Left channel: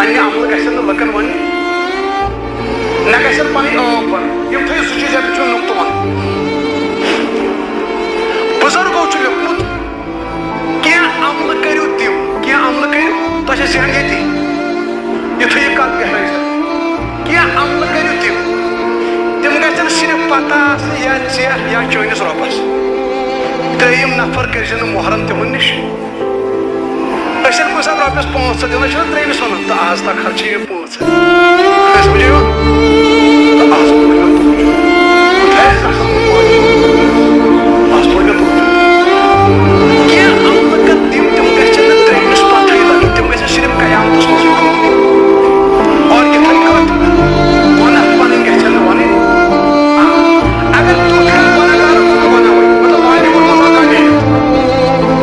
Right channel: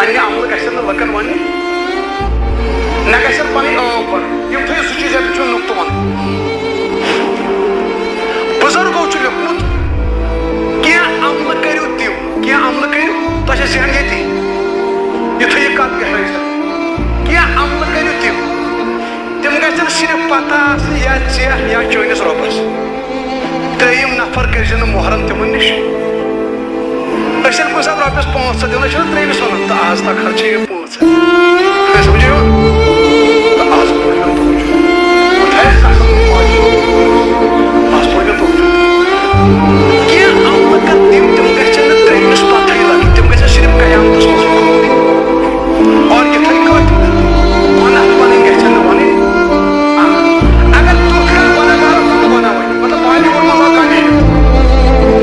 پنہ عمل گژھن نہٕ لُکن وننہِ نہ گژھن پنٕنۍ ٲو پن یِم تھٲیِو سُہ چیٖز ییٚتہِ چھُ نُقطہٕ ونُن بُزرگو چھُ لیوٚکھمُت کینٛہہ عملہٕ کٔرِو تِم کینٛہہ عملہٕ کٔرِو تۄہہِ چھےٚ ذہن ییٚتی یہِ تھٲیِو کتھ گژھِ کینٛہہ عملہٕ کٔرِو تِم گژھن صرف پتہ آسنہِ یا ژےٚ یا چٲنِس رۄبس ترٛیٚیِم نفر کٔرزِ نہٕ محرم تِمن نِش أسۍ ییٚلہِ کُنہِ ساتہٕ رۄپیس 500 دِوان چھِنہ ترٛیٚیمِس ونان تہٕ آز تک خرچے یہِ 500 أسۍ سمجھو یِوان تہٕ آز پوٚر مےٚ تُہُنٛد بہٕ تھایس آز پوٚر مےٚ تُہُنٛد کینٛہہ عملہٕ کر تِم گژھن نہٕ ترٛیٚیمِس پتہٕے لگٕنۍ تِم گژھن صرف قیامتس منٛزٕے کٔرمٕتۍ اور یِتھٕے کٲٹھۍ گۄناہ پنٕنۍ گژھن نہٕ ونٕنۍ اگر تیُتھ کانٛہہ گۄناہگار پنُن گۄناہ ونہِ مطلب بالی وُڈ منٛز آو کانٛہہ نیٖرِتھ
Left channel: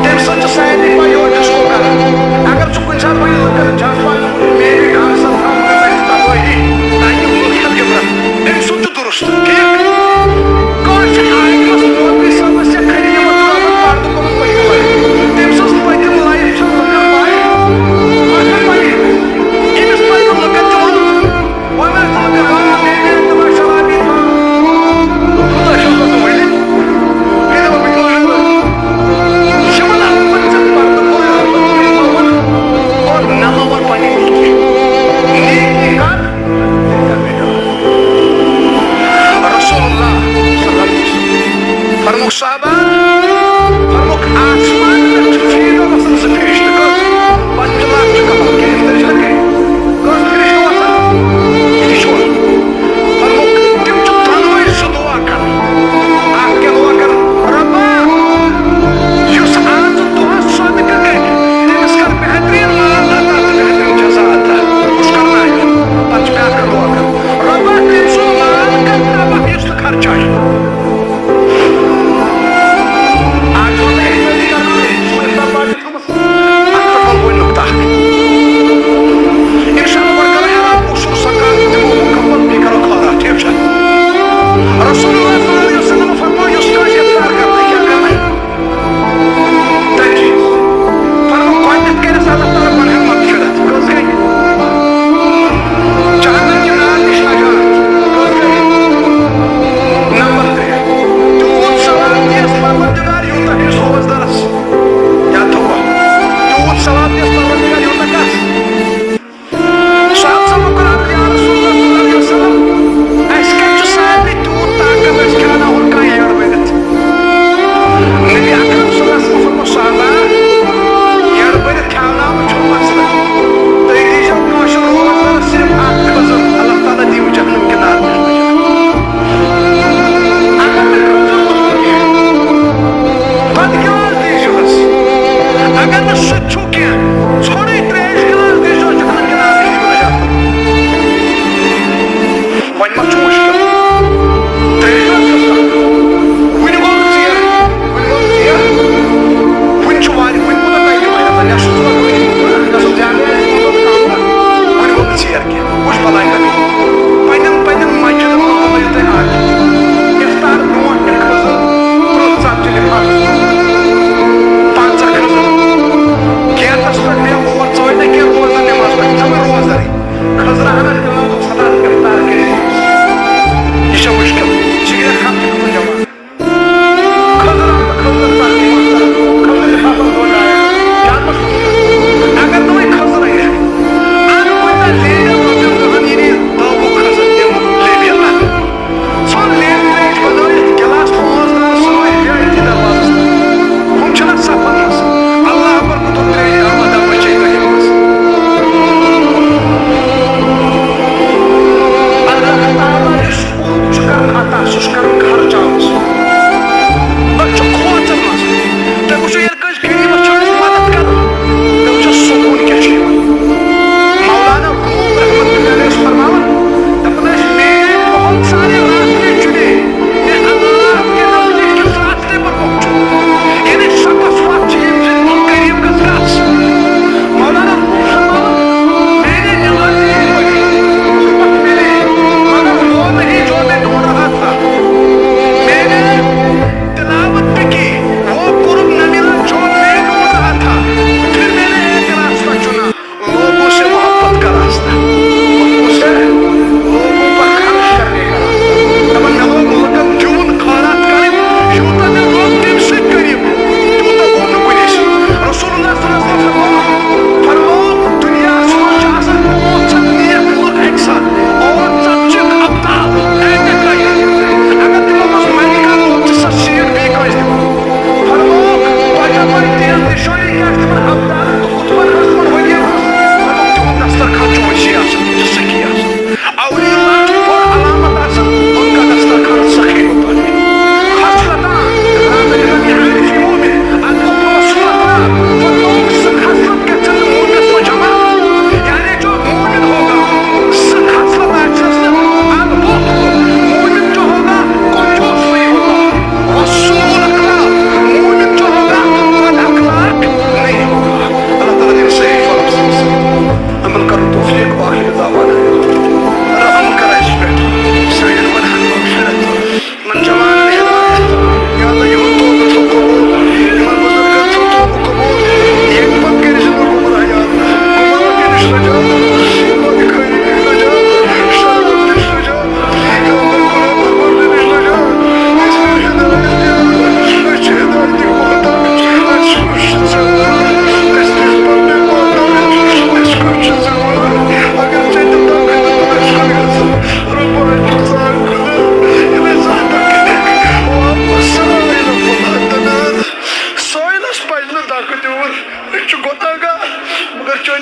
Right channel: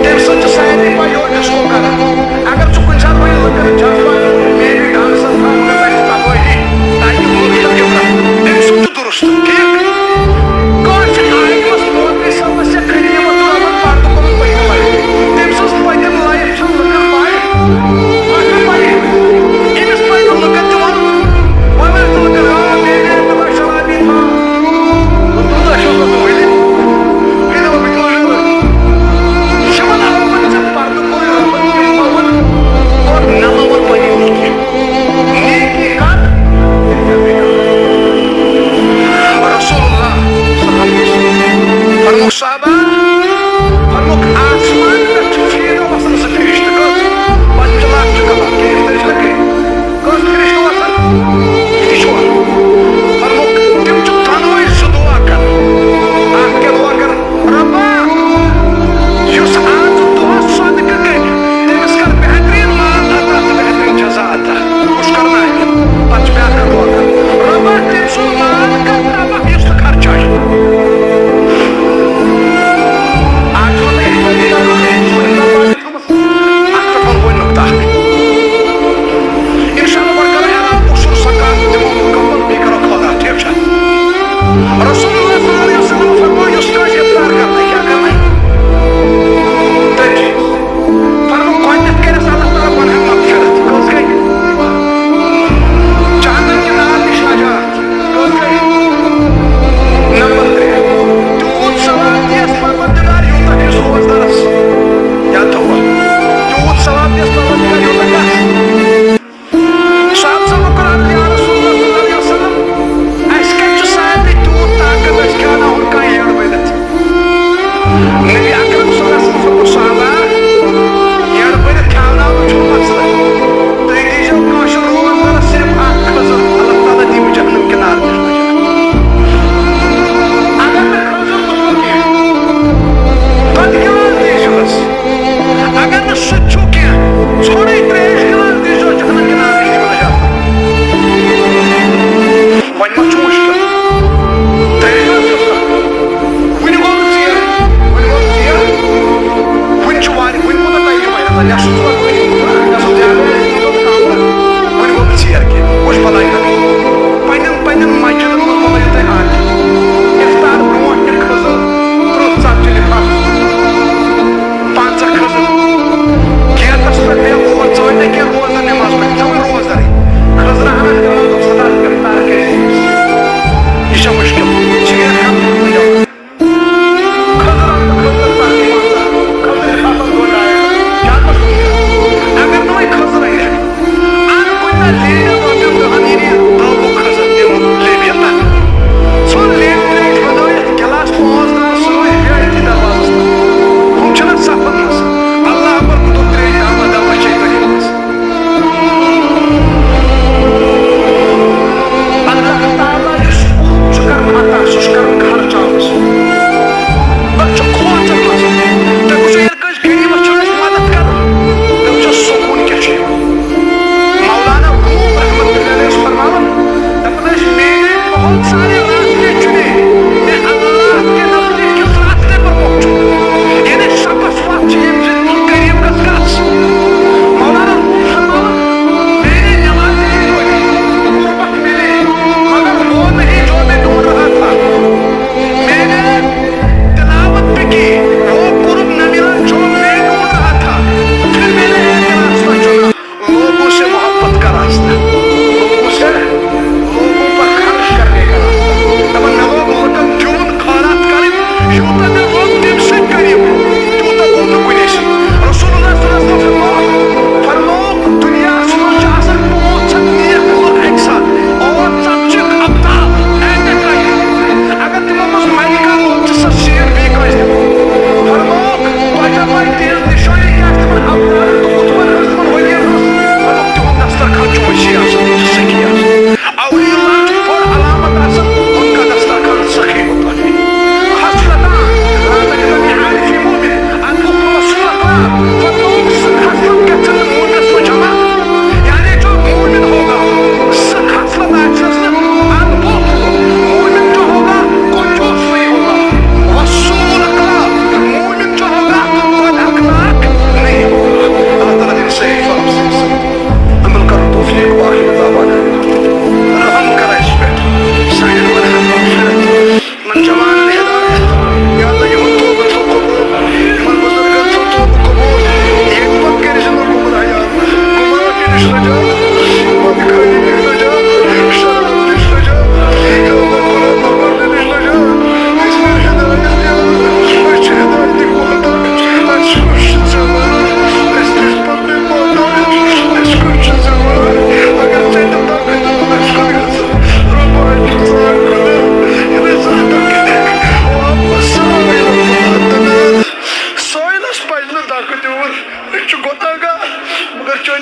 تمہِ سۭتۍ چھِ سارنٕے پاے یورٕ ڈِسکو کران اگر ژٕ کُنہِ ساتہٕ ونہِ لُکن جج پانہٕ موٗجوٗب مے بی ڈانسن تھاو مگر تتہِ تبٲہی تاکہِ لُکھ ہٮ۪ن عبرت تٔمۍ سُنٛد چھُ درست ٹھیٖک کٲنٛسہِ چھِ عالمس مولوی صٲبس یا خٔریٖمس صٲبن پردٕ کوٚرمُت پٔتمہِ لٹہِ تٔمۍ سٕنٛز پٔتِم لایف چھِ لُکن پاے أمِس پزِ نہٕ لُکن تہِ ونُن وۄنۍ ونکھ ژٕ لُکن مے بی تِمن شرابی تھاو تیوٗتاہ چھُ آسان ؤلِتھ اور نہ مون پنٕنۍ نیکی نیکی کر رسول اللہ صلی اللہ علیہ وسلم فرموک صحابہ فرموک آسمان پٮ۪ٹھ چھُ فیٖدو وسان 2 فرشتہٕ کٔژ 5 لچھ چھِ کلام کیٚنٛہہ تیٚلہِ چھِنہ کٔرِتھ کٔژ فرشتہٕ وسان یہِ چھُوا فرموک تِم چھِ دۄنوَے 2 دُعا کران اکھ کیٛاہ دُعا کران رۄبا یُس آز دۄہس صدقہٕ کرِ تٔمِس کر بہتریٖن مال عطا تہٕ بہتریٖن جزا عطا کُس کرناوِ پتہٕ چھِ بیٛاکھ دُعا کران رۄبا تٔمۍ سُنٛد مال کر تباہ یُس نہٕ خرچایہِ آز چھُوا تۄہہِ احتیاطی کران اکھ چھُ بۄن نُقطہٕ اکھ انشاءاللہ گۄڈٕ کرو اعلان اصوٗل زکات دِمو مُکمل بیٚیہِ کرو خٲرات ٹھیٖک چھا رسول اللہ صلی اللہ علیہ وسلم فرموو یُس کٲنٛسہِ افطار کرنایہِ کیٛاہ کرنایہِ 3 چیٖز فرموو گۄڈنٮ۪تھ کٔرِس اللہ تعالیٰ گۄناہن مغفرت کٔژ گٔے جہنم کہِ نار نِش نجات کٔژ گٔے نمبر 3 تیوٗت ثواب دِیَس پروردگار یوٗتاہ أمِس روزدارس یاد تھاووا تیوٗت ثواب دِیَس پروردگار یوٗتاہ کس صحابہٕ کوٚر عرض یا رسول اللہ صلی اللہ علیہ وسلم اَسہِ کتہِ چھُ سارنٕے تیوٗت طاقت أسۍ کھیٛاناوہون کانٛہہ یٔڈ بٔرِتھ نبی اکرم صلی اللہ علیہ وسلم فرموو صحابہ یٔڈ بٔرِتھ کھیٛاوناونُک چھُنہٕ مسلہٕ تُہۍ دیٖزیو کٲشُر روزدارس صرف اکھ خٔزٕر اللہ تعالیٰ دِیِو جہنم کہِ نارٕ نِش نجات اگر نہٕ خٔزٕر گوٚژھوٕ کینٛہہ دۄدٕ گِلاس دیٖزِہوس اگر نہٕ سُہ تہِ چھُو کینٛہہ ژھوٚرُے ترٛیش گِلاس دیٖزِہوس جہنم کہِ نارٕ نِش دِیِو نجات وۄنۍ ما چھُ مُشکل ترٛیش گِلاس کٔژ کَرو وُنہِ گوٚو نہٕ ژیر وُنہِ چھُ واریاہ وُنہِ کوٗتاہ ٹایم آسہِ نٮ۪صف ژٕ گژھُن زیادٕ آسہِ وُنہِ گوٚو نہٕ ژیر کینٛہہ کُس بلاے کَرٕنۍ پنٛنٮ۪ن مسجِدن منٛز بنٲیِو تُہۍ اکھ اِفطار برونٛٹھ نہِ خٔزٕر 30 ژتجی لِفافہٕ 50 خٔزٕر گیٹس پٮ۪ٹھ بیٚہہ اور ژٕ وَنہِ نہ کینٛہہ روزدار نٮ۪ماز پٔرِتھ ژٕ وَنہِ روزدارٕے خٔزٕرا ہنا دِوان دوٚپ سدا اِفطار کٔرِتھ یہِ چھا مُشکل سِگریٹ کھٮ۪ون چھُ کُنہِ جوان خٔزٕر اَنہٕ بہٕ خٔزٕر لِفافن 2 ڈاے زیادٕ ما چھُ مُشکل اگر نہٕ وۄنۍ خٔزٕر أنِکھ اَن کُنہِ دۄہ لیٖڈر رۄپین دہن یہِ نی 10 خٔزٕر دِمہٕ لیبِیَن نہ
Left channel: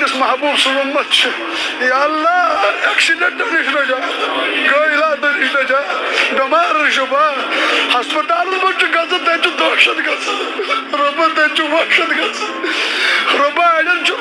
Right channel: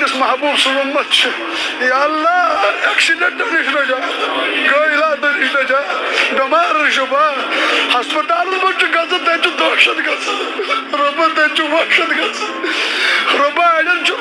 سٲنِس محبوٗب سُنٛد اُمت چھُ یا اللہ ایکسیڈنٹ نِش نجات غٲیلاتو نِش نجات بٮ۪مارن شُفا ہسپتالن منٛز چھُ گژھان تتہِ چھُ دہشت گژھان رۄبا تتہِ چھُ وحشت گژھان رۄبا اڑٮ۪ن چھُ